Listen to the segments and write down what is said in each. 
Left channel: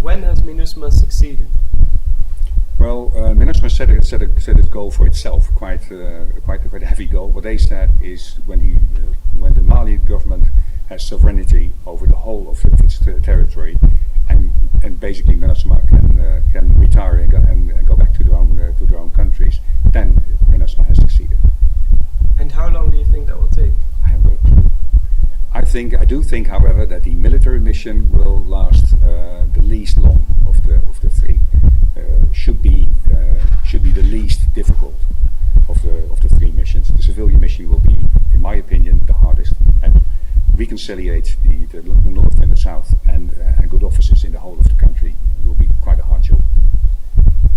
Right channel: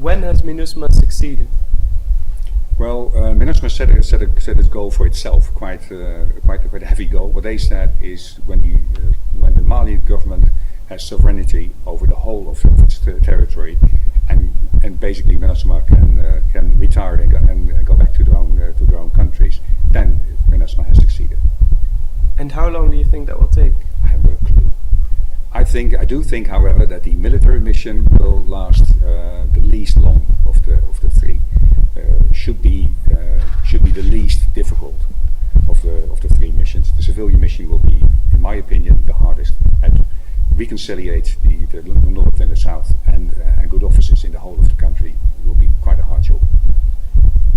When has MINUSMA succeeded? Well, MINUSMA set a goal for itself, quite a heavy goal. What they said is when the Mali government has sovereignty over the whole of its territory, and basically MINUSMA can retire and go back to their own countries, then MINUSMA has succeeded. And how long do you think that will take? I have no clue. I do think, however, that the military mission will last the least long of the three. Should be the least difficult of the three missions. The civilian mission will be, in my opinion, the hardest, and reconciliate the north and the south and good officers in the whole of the country will be quite a hard job.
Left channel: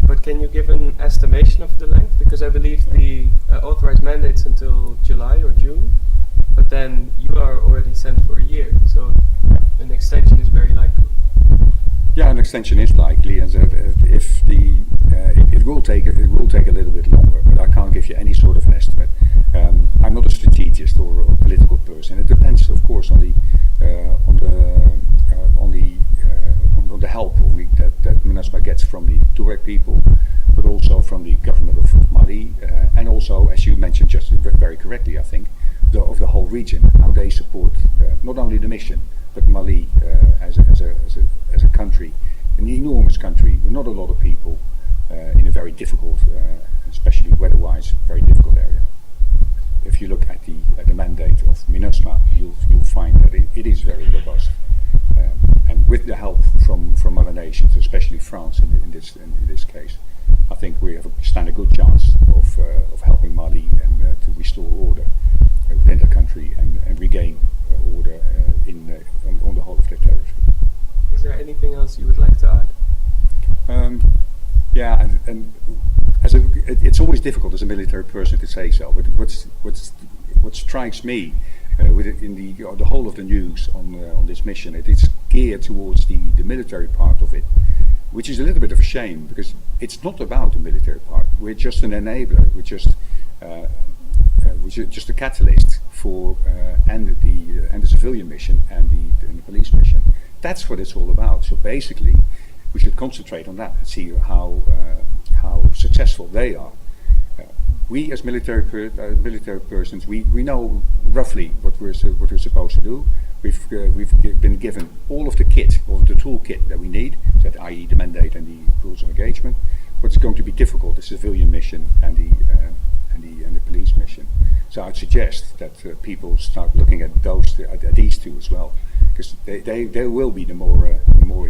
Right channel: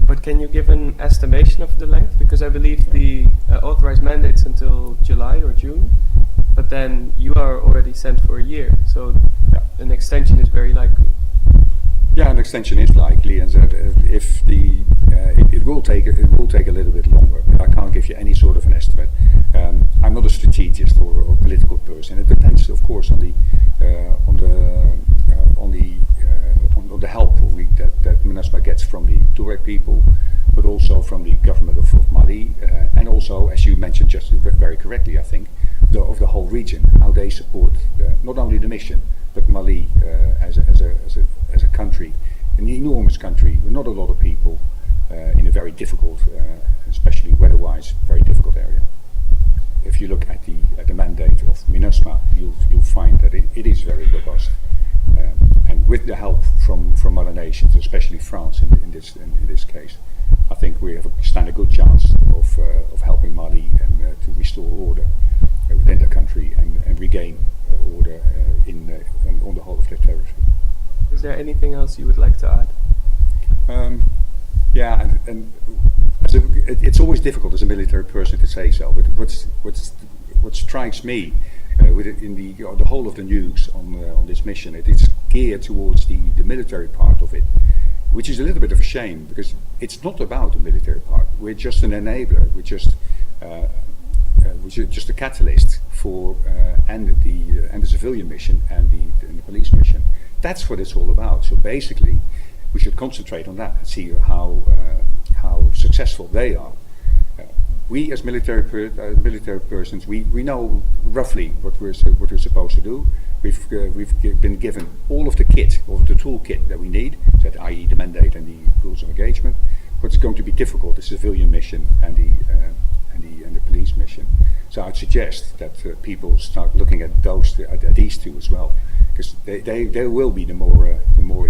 But can you give an estimation of the length? Because I believe the authorized mandate's until July or June, but then you are already sent for a year, so an extension is very likely. Yeah, an extension is likely, and it will take a little bit longer. But I can't give you any sort of an estimate. I'm not a strategist or a political person. It depends, of course, on the help that MINUSMA gets from the Tuareg people, but also from the government of Mali, and also, as you mentioned just very correctly, I think, of the whole region, how they support not only the mission, but Mali as a country, an enormous country with not a lot of people, in a very difficult, especially weather-wise, very difficult area. If you look at the mandate of MINUSMA, you'll find that it is very robust, and with the help from other nations, especially France in this case, I think we stand a good chance of helping Mali and to restore order within the country and regain order on the whole of their territory. Is there anything else you would like to add? Yeah, and it's always difficult as a military person to say so. But what strikes me in the whole of the news on this mission, it is geared towards the military part of it, which is a little bit of a shame because it's not about the military part. We're just an enabler. We're just a catalyst for and the civilian mission and the police mission. That's what it's all about. So basically, we should concentrate on that and see how successful they are. We as military persons, we know roughly what we're supposed to do. We've been given all of the kit, all of the toolkit that we need, that i.e. the mandate and the rules of engagement. What's going to be difficult is the civilian mission and the police mission. So I'd suggest that people start looking at these two as well, because they will be the more